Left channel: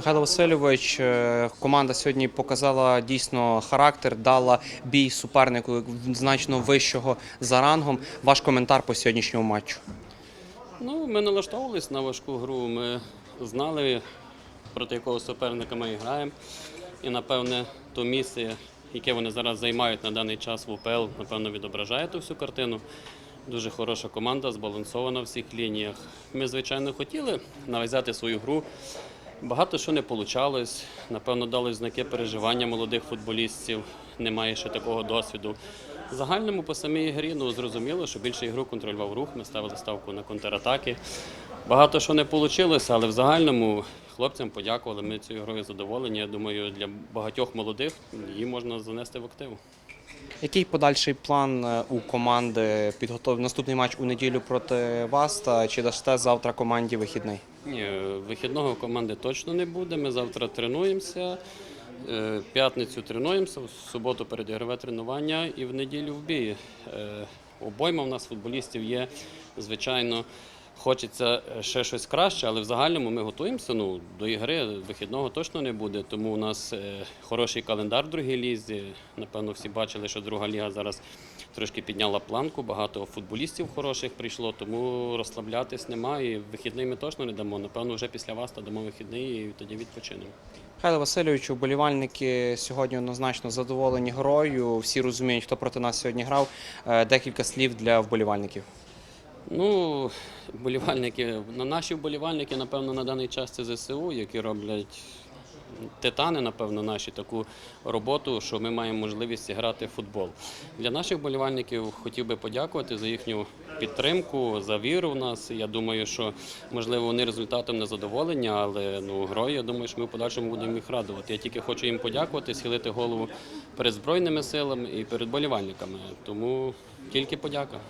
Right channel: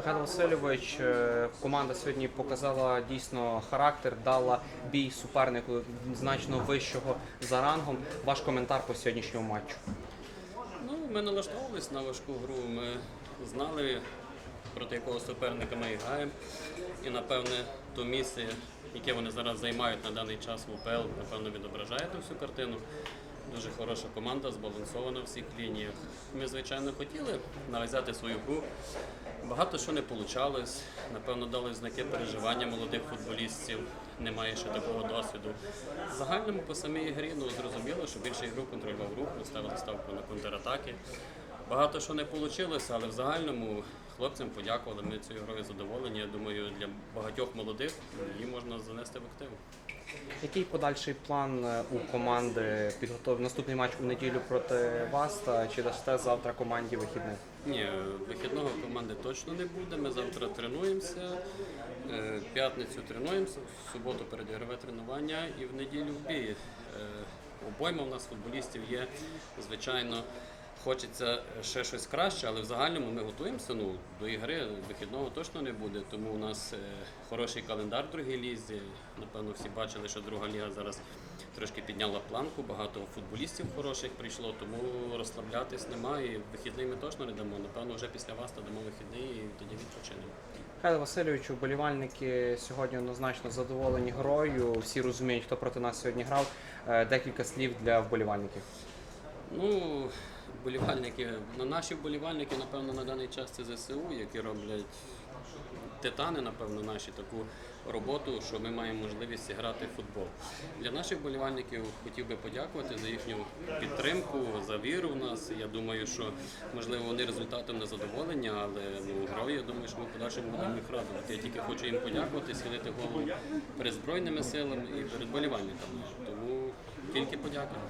Михайло Васильович, е, команда сьогодні показала дійсно характер, дала бій супернику значно вищого за рангом. Ваш коментар по сьогоднішньому матчу. Ну, ми налаштовувались на важку гру. Ми знали, проти якого суперника ми граємо. І, напевне, то місце, яке вони зараз займають на даний час в УПЛ, напевно, відображає ту всю картину. Дуже хороша команда, збалансована в всіх лініях. Ми, звичайно, хотіли нав'язати свою гру. Багато що не вийшло. Напевно, дали знаки переживання молодих футболістів. Немає ще такого досвіду. В загальному по самій грі ну, зрозуміло, що більше ігру контролював рух. Ми ставили ставку на контратаки. Багато що не вийшло, але в загальному хлопцям подякували. Ми цією грою задоволені. Я думаю, для багатьох молодих її можна занести в активу. Який подальший план е, у команди підготовив наступний матч у неділю проти вас? Та чи дасте завтра команді вихідний? Ні, вихідного команди точно не буде. Ми завтра тренуємося. е, П'ятницю тренуємося, в суботу передігрове тренування і в неділю в бій. Е, Обойма в нас футболістів є. Звичайно, хочеться ще щось краще, але в загальному ми готуємося. Ну, до ігри вихідного точно не буде. Тому у нас е, хороший календар в другій лізі. Напевно, всі бачили, що друга ліга зараз трошки підняла планку. Багато футболістів хороших прийшло, тому розслаблятись немає. І Вихідний ми точно не дамо. Напевно, вже після вас та дамо вихідний і тоді відпочинемо. Михайло Васильович, вболівальники сьогодні однозначно задоволені грою. Всі розуміють, хто проти нас сьогодні грав. Е, Декілька слів для вболівальників. Ну, вболівальники, на наші вболівальники, напевно, на даний час це ЗСУ, які роблять титани, напевно, наші таку роботу, що ми маємо можливість грати в футбол. Для наших вболівальників хотів би подякувати за їхню підтримку, за віру в нас. Я думаю, що можливо вони результатом не задоволені, але ну грою, я думаю, що ми в подальшому будемо їх радувати. Я тільки хочу їм подякувати, схилити голову перед збройними силами і перед вболівальниками. Тому тільки подяка.